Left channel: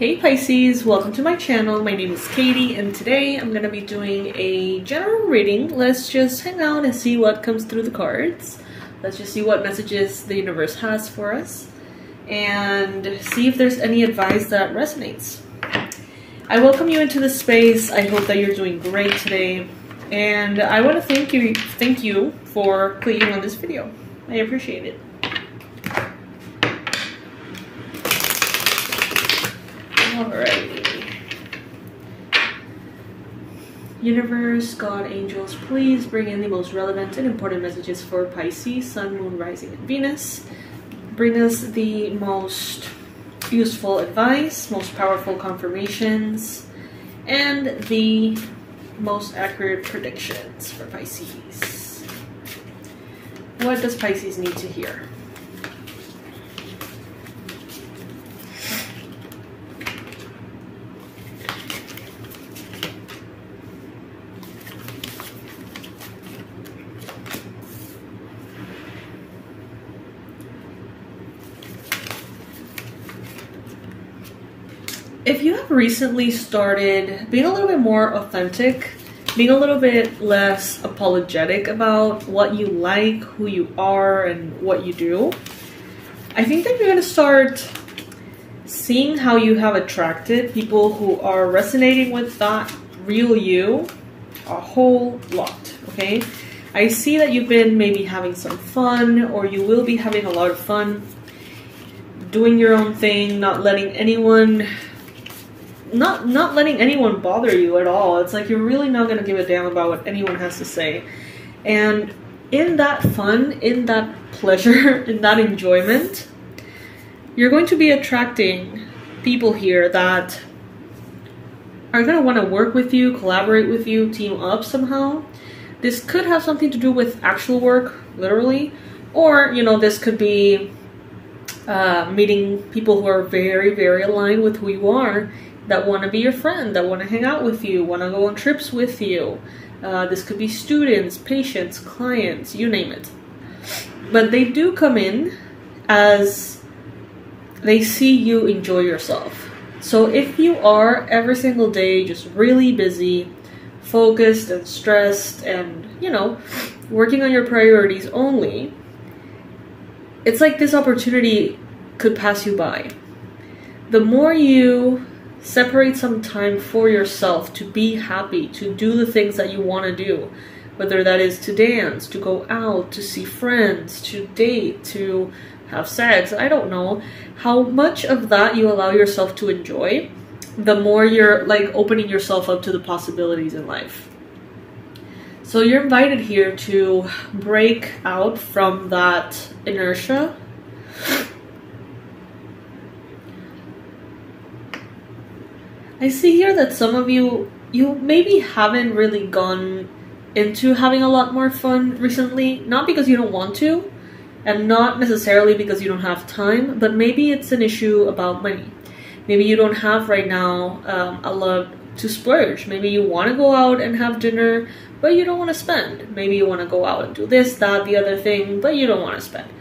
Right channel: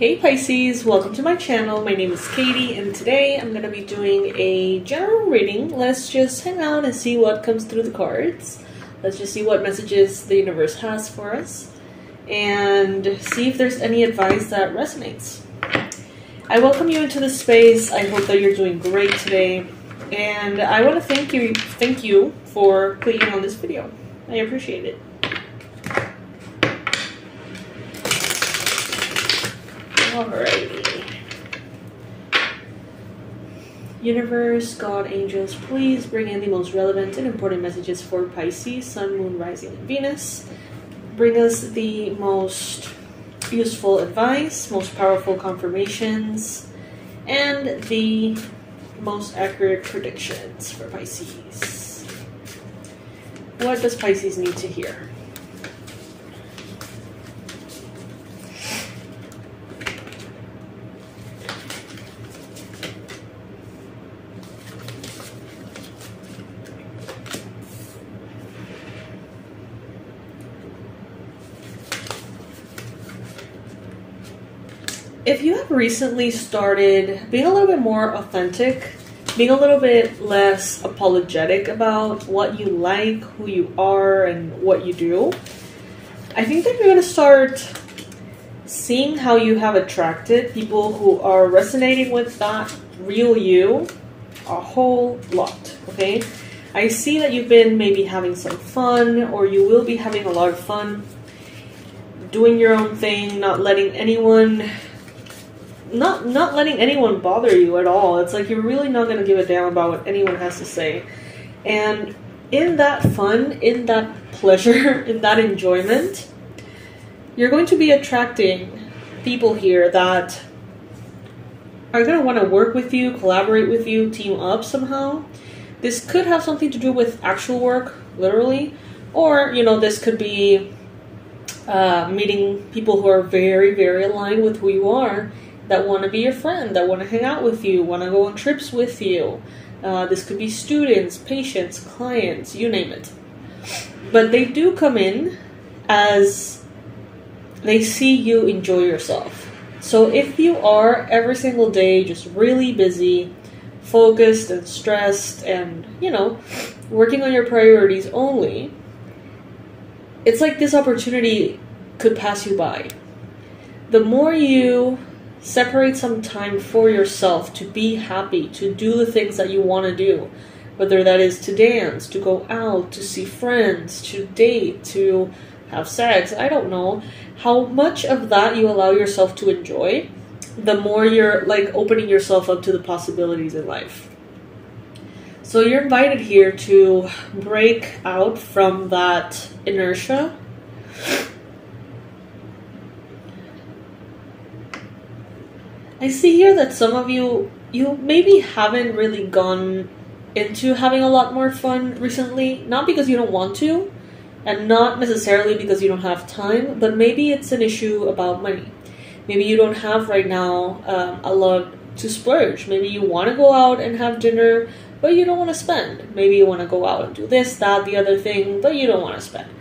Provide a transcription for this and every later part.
Hey Pisces, welcome to my channel. My name is Katie and today I'm going to be doing a general reading. Let's just hang out and see what comes through the cards. Let's just see what messages the universe has for us and see if there's any advice that resonates. I welcome you into this space. I hope that you're doing great today and I want to thank you for clicking on this video. I appreciate it. Alrighty. Universe, God, angels, please bring in the most relevant and important messages for Pisces, Sun, Moon, Rising, and Venus. Bring us the most useful advice, most powerful confirmations, and the most accurate predictions for Pisces. What does Pisces need to hear? If you have recently started being a little bit more authentic, being a little bit less apologetic about what you like, who you are, and what you do, I think that you're going to start seeing how you have attracted people who are resonating with that real you a whole lot, okay? I see that you've been maybe having some fun, or you will be having a lot of fun doing your own thing, not letting anyone bother you at all. It's like you're really not going to give a damn about what anyone has to say. And in that fun, in that pleasure, in that enjoyment, you're going to be attracting people here that are going to want to work with you, collaborate with you, team up somehow. This could have something to do with actual work, literally, or, you know, this could be meeting people who are very, very aligned with who you are, that want to be your friend, that want to hang out with you, want to go on trips with you. This could be students, patients, clients, you name it. But they do come in as they see you enjoy yourself. So if you are every single day just really busy, focused and stressed and, you know, working on your priorities only, it's like this opportunity could pass you by. The more you separate some time for yourself to be happy, to do the things that you want to do, whether that is to dance, to go out, to see friends, to date, to have sex, I don't know. How much of that you allow yourself to enjoy, the more you're like opening yourself up to the possibilities in life. So you're invited here to break out from that inertia. I see here that some of you maybe haven't really gone into having a lot more fun recently, not because you don't want to, and not necessarily because you don't have time, but maybe it's an issue about money. Maybe you don't have right now a lot to splurge. Maybe you want to go out and have dinner, but you don't want to spend. Maybe you want to go out and do this, that, the other thing, but you don't want to spend.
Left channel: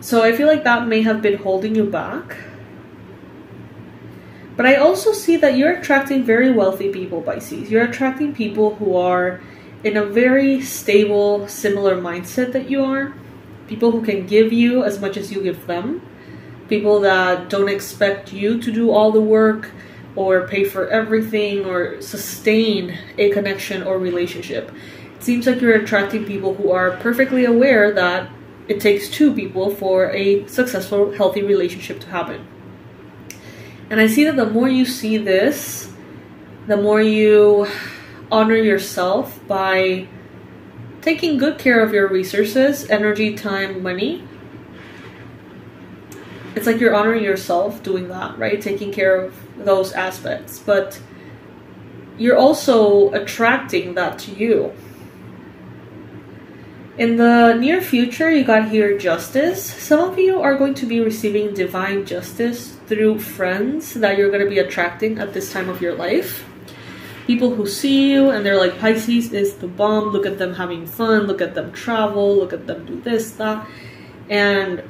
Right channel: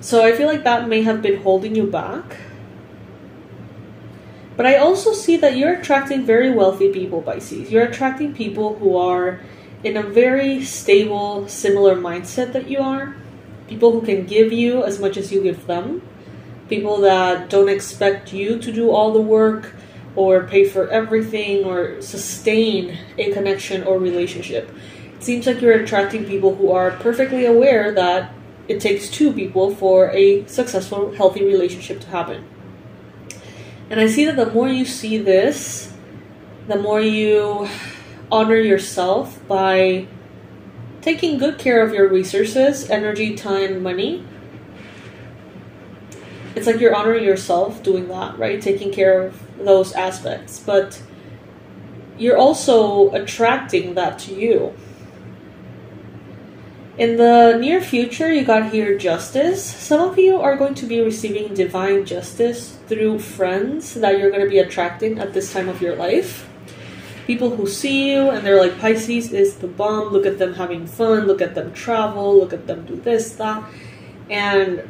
So I feel like that may have been holding you back. But I also see that you're attracting very wealthy people, Pisces. You're attracting people who are in a very stable, similar mindset that you are. People who can give you as much as you give them. People that don't expect you to do all the work or pay for everything or sustain a connection or relationship. It seems like you're attracting people who are perfectly aware that it takes two people for a successful, healthy relationship to happen. And I see that the more you see this, the more you honor yourself by taking good care of your resources, energy, time, money. It's like you're honoring yourself doing that, right? Taking care of those aspects. But you're also attracting that to you. In the near future, you got here justice. Some of you are going to be receiving divine justice through friends that you're going to be attracting at this time of your life. People who see you and they're like, Pisces is the bomb. Look at them having fun. Look at them travel. Look at them do this, that. And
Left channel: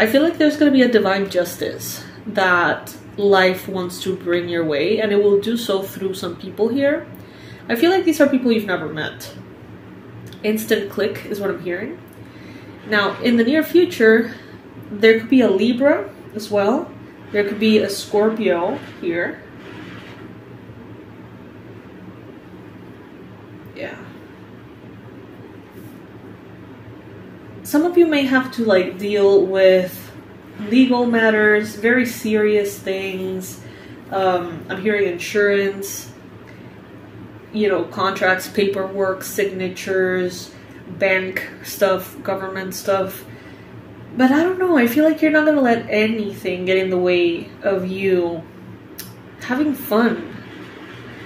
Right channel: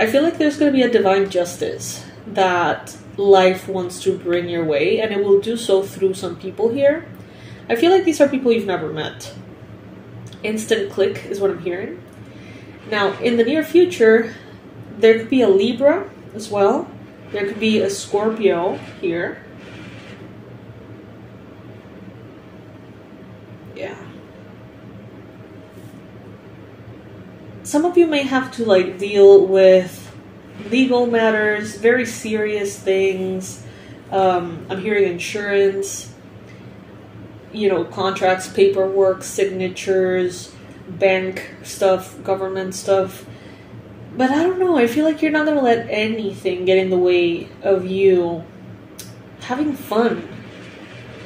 I feel like there's going to be a divine justice that life wants to bring your way, and it will do so through some people here. I feel like these are people you've never met. Instant click is what I'm hearing. Now, in the near future, there could be a Libra as well. There could be a Scorpio here. Yeah. Some of you may have to like deal with legal matters, very serious things. I'm hearing insurance, you know, contracts, paperwork, signatures, bank stuff, government stuff. But I don't know, I feel like you're not going to let anything get in the way of you having fun.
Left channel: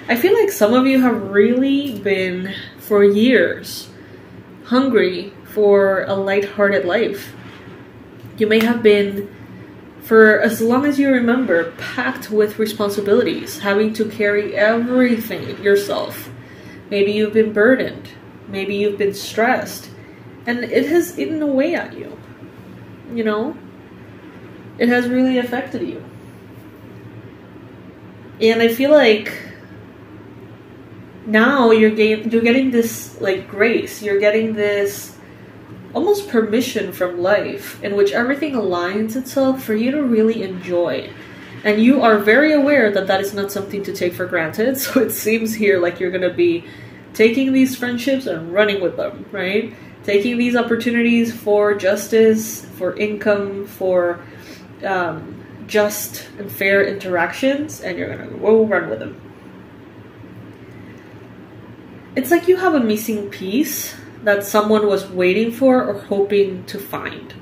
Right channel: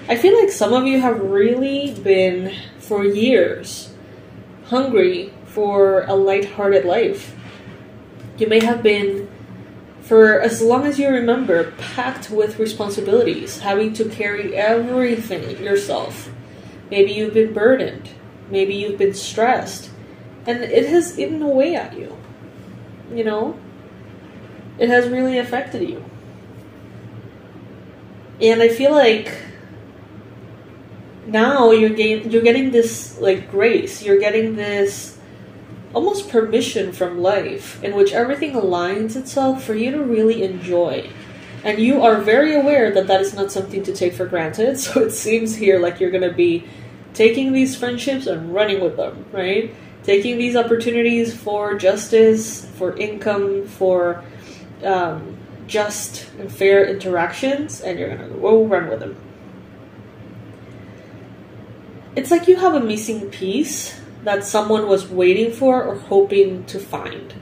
I feel like some of you have really been, for years, hungry for a lighthearted life. You may have been, for as long as you remember, packed with responsibilities, having to carry everything yourself. Maybe you've been burdened. Maybe you've been stressed. And it has eaten away at you. You know? It has really affected you. And I feel like now you're getting this like grace. You're getting this almost permission from life in which everything aligns itself for you to really enjoy. And you are very aware that that is not something to take for granted. So it seems here like you're going to be taking these friendships and running with them, right? Taking these opportunities for justice, for income, for just and fair interactions, and you're going to go run with them. It's like you have a missing piece that someone was waiting for or hoping to find.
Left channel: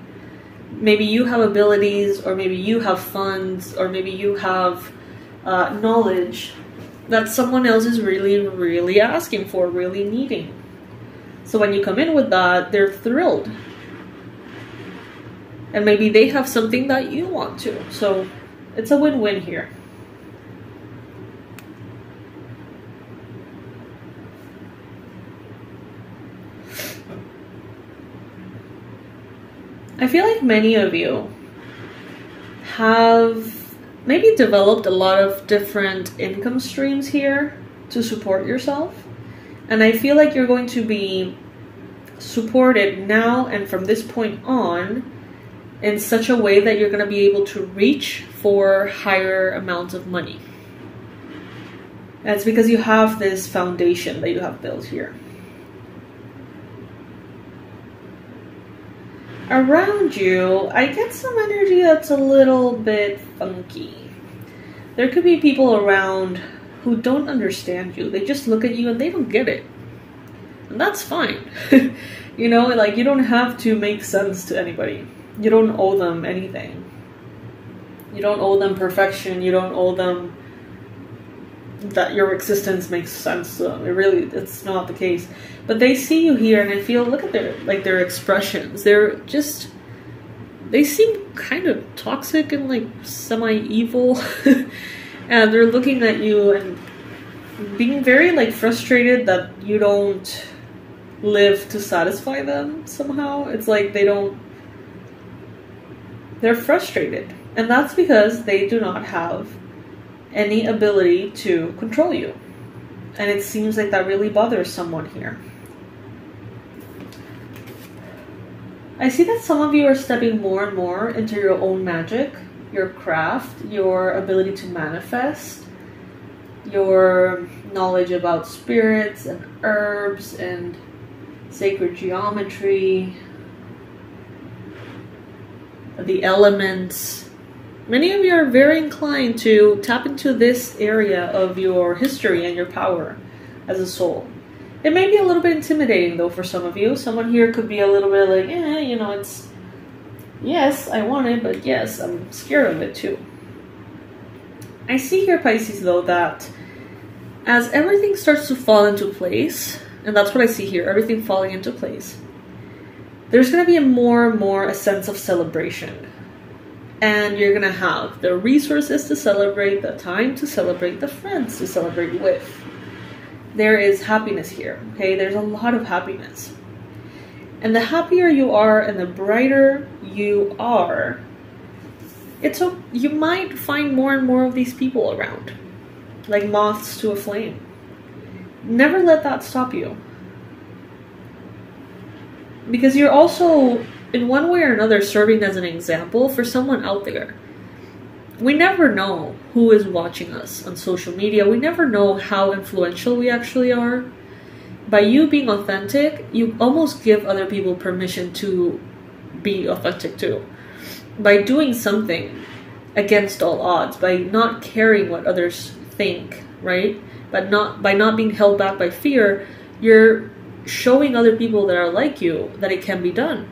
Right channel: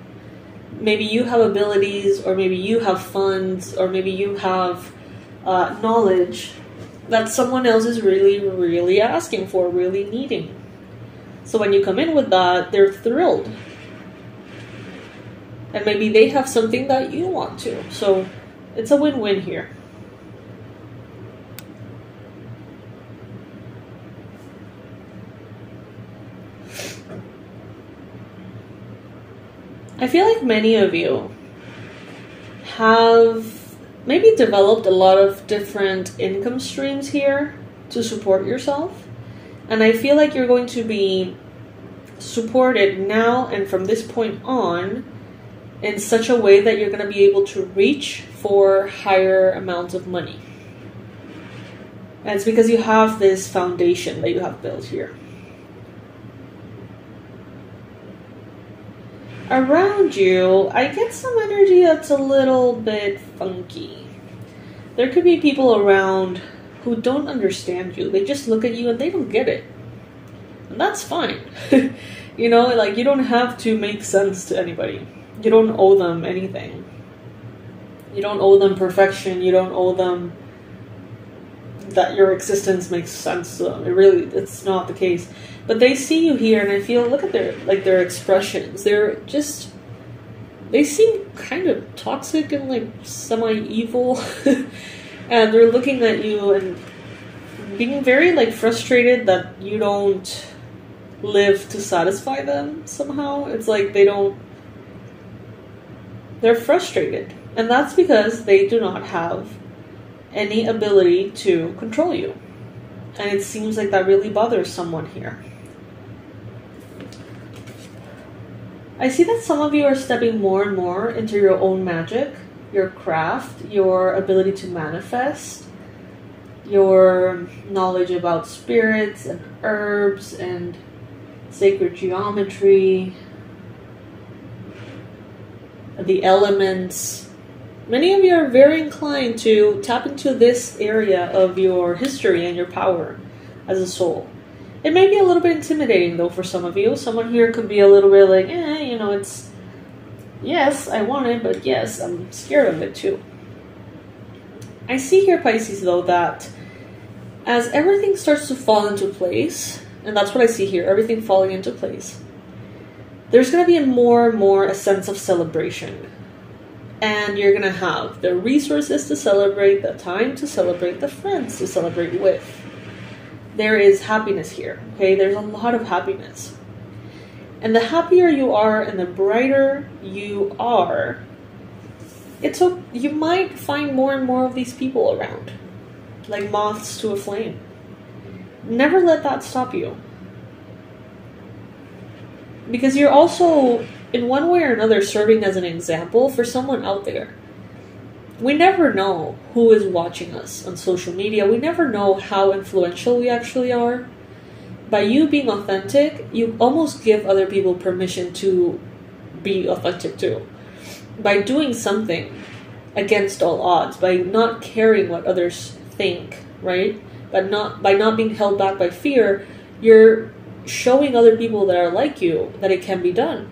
Maybe you have abilities, or maybe you have funds, or maybe you have knowledge that someone else is really, really asking for, really needing. So when you come in with that, they're thrilled. And maybe they have something that you want to. So it's a win-win here. I feel like many of you have maybe developed a lot of different income streams here to support yourself. And I feel like you're going to be supported now and from this point on in such a way that you're going to be able to reach for higher amounts of money. And it's because you have this foundation that you have built here. Around you, I get some energy that's a little bit funky. There could be people around who don't understand you. They just look at you and they don't get it. And that's fine. You know, like you don't have to make sense to anybody. You don't owe them anything. You don't owe them perfection. You don't owe them that your existence makes sense to them. It's not the case. But they see you here and I feel, look at their expressions. They seem kind of toxic and like semi-evil. And they're looking at you and being very like frustrated that you don't live to satisfy them somehow. It's like they're frustrated. And that's because they do not have any ability to control you. And it seems like that really bothers someone here. I see that some of you are stepping more and more into your own magic, your craft, your ability to manifest, your knowledge about spirits and herbs and sacred geometry, the elements. Many of you are very inclined to tap into this area of your history and your power as a soul. It may be a little bit intimidating though for some of you. Someone here could be a little bit like, you know, it's, yes, I want it, but yes, I'm scared of it too. I see here, Pisces, though, that as everything starts to fall into place, and that's what I see here, everything falling into place, there's going to be more and more a sense of celebration. And you're going to have the resources to celebrate, the time to celebrate, the friends to celebrate with. There is happiness here, okay? There's a lot of happiness. And the happier you are and the brighter you are, you might find more and more of these people around, like moths to a flame. Never let that stop you. Because you're also, in one way or another, serving as an example for someone out there. We never know who is watching us on social media. We never know how influential we actually are. By you being authentic, you almost give other people permission to be authentic too. By doing something against all odds, by not caring what others think, right? But by not being held back by fear, you're showing other people that are like you that it can be done,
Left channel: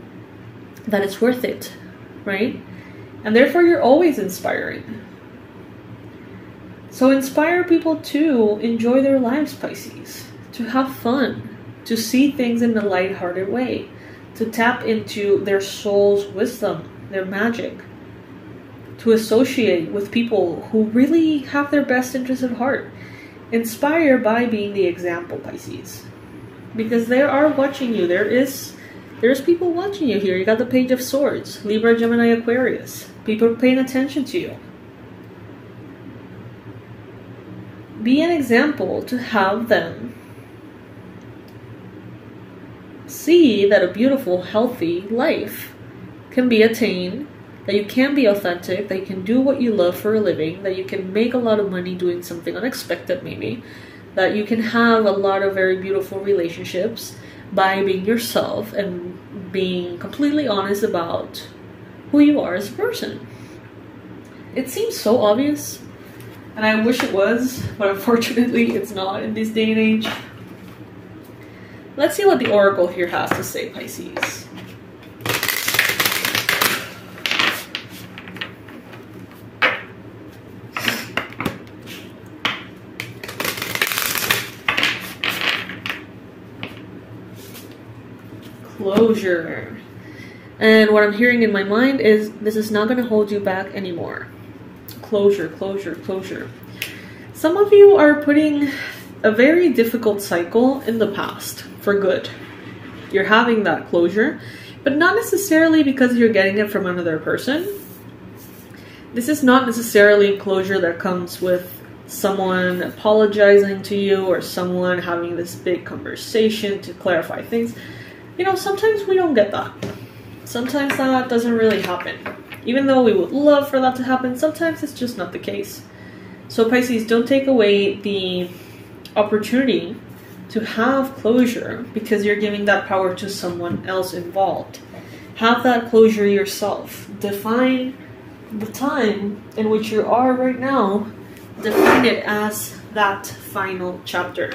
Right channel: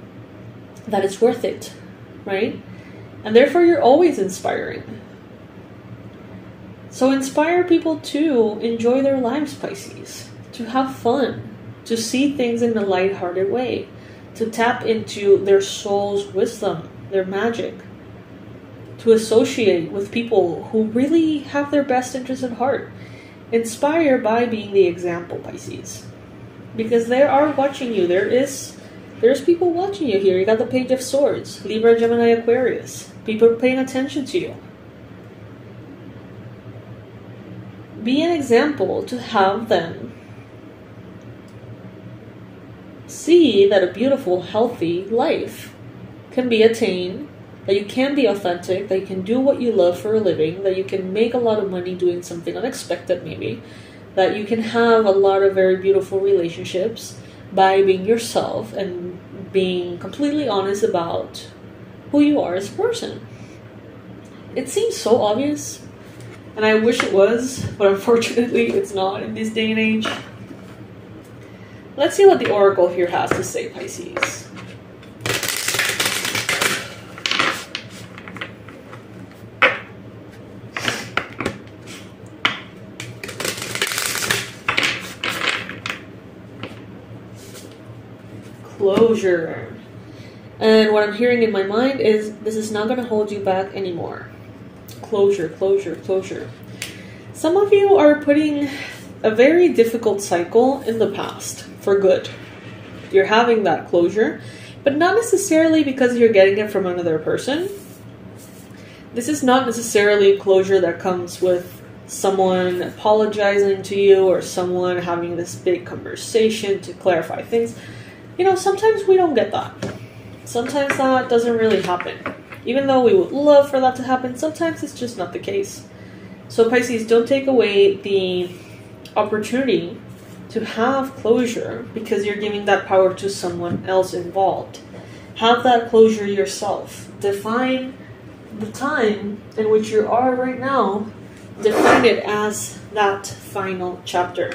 that it's worth it, right? And therefore you're always inspiring. So inspire people to enjoy their lives, Pisces, to have fun, to see things in a lighthearted way, to tap into their soul's wisdom, their magic, to associate with people who really have their best interests at heart. Inspire by being the example, Pisces. Because they are watching you. There's people watching you here. You got the Page of Swords, Libra, Gemini, Aquarius. People are paying attention to you. Be an example to have them see that a beautiful, healthy life can be attained, that you can be authentic, that you can do what you love for a living, that you can make a lot of money doing something unexpected maybe, that you can have a lot of very beautiful relationships by being yourself and being completely honest about who you are as a person. It seems so obvious, and I wish it was, but unfortunately it's not in this day and age. Let's see what the Oracle here has to say, Pisces. Closure. And what I'm hearing in my mind is this is not going to hold you back anymore. Closure, closure, closure. Some of you are putting a very difficult cycle in the past for good. You're having that closure, but not necessarily because you're getting it from another person. This is not necessarily closure that comes with someone apologizing to you or someone having this big conversation to clarify things. You know, sometimes we don't get that. Sometimes that doesn't really happen. Even though we would love for that to happen, sometimes it's just not the case. So Pisces, don't take away the opportunity to have closure because you're giving that power to someone else involved. Have that closure yourself. Define the time in which you are right now. Define it as that final chapter.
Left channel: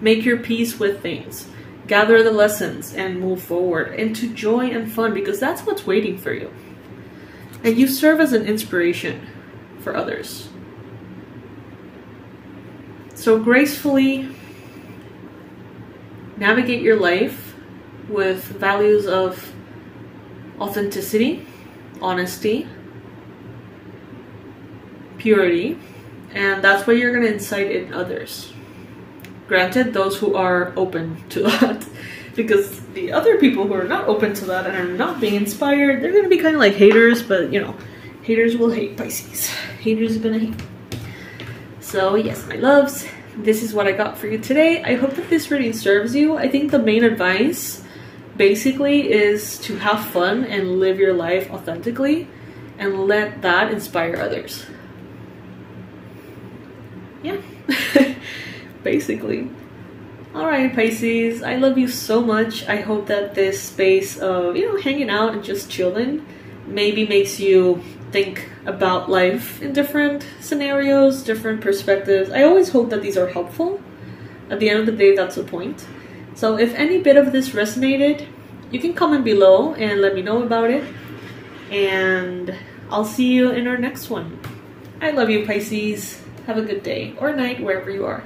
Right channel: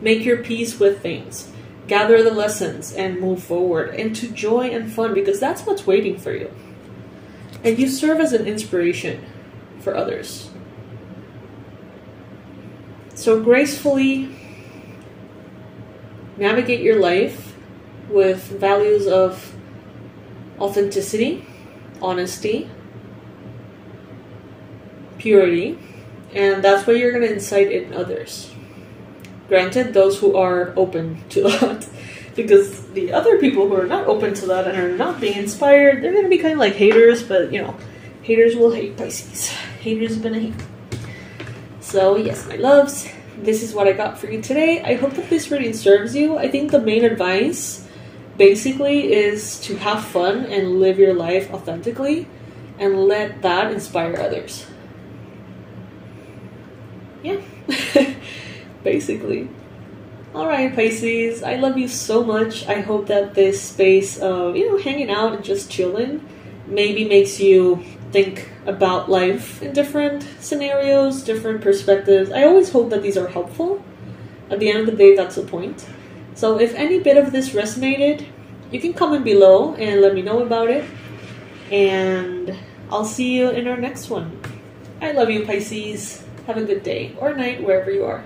Make your peace with things. Gather the lessons and move forward into joy and fun, because that's what's waiting for you. And you serve as an inspiration for others. So gracefully navigate your life with values of authenticity, honesty, purity, and that's what you're going to incite in others. Granted, those who are open to that, because the other people who are not open to that and are not being inspired, they're going to be kind of like haters, but you know, haters will hate, Pisces. Haters are going to hate. So yes, my loves, this is what I got for you today. I hope that this reading serves you. I think the main advice basically is to have fun and live your life authentically and let that inspire others. Yeah. Basically. Alright, Pisces, I love you so much. I hope that this space of, you know, hanging out and just chilling maybe makes you think about life in different scenarios, different perspectives. I always hope that these are helpful. At the end of the day, that's the point. So if any bit of this resonated, you can comment below and let me know about it. And I'll see you in our next one. I love you, Pisces. Have a good day or night wherever you are.